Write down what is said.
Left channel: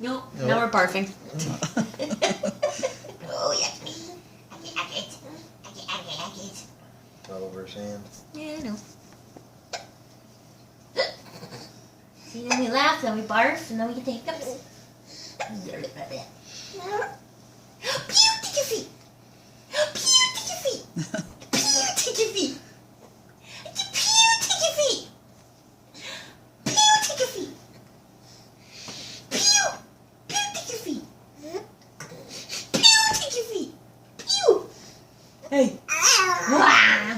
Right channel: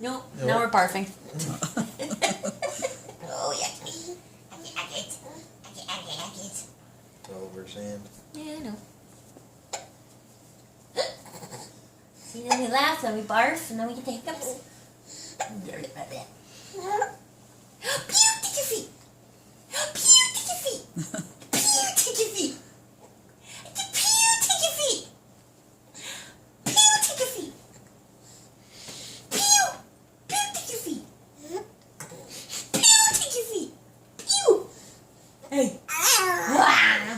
Nope. Nope. Now we're barfing. Oh, yucky. Yucky. All over his hand. Yeah, I know. See, then we laugh, then we barf, and then we get the hiccups. Pew, take your feet. Pew, take your feet. Pew, take your feet. Pew, take your feet. Pew, take your feet. Pew, pew, take your feet. Pew, take your feet. Pew. Hey. Wow.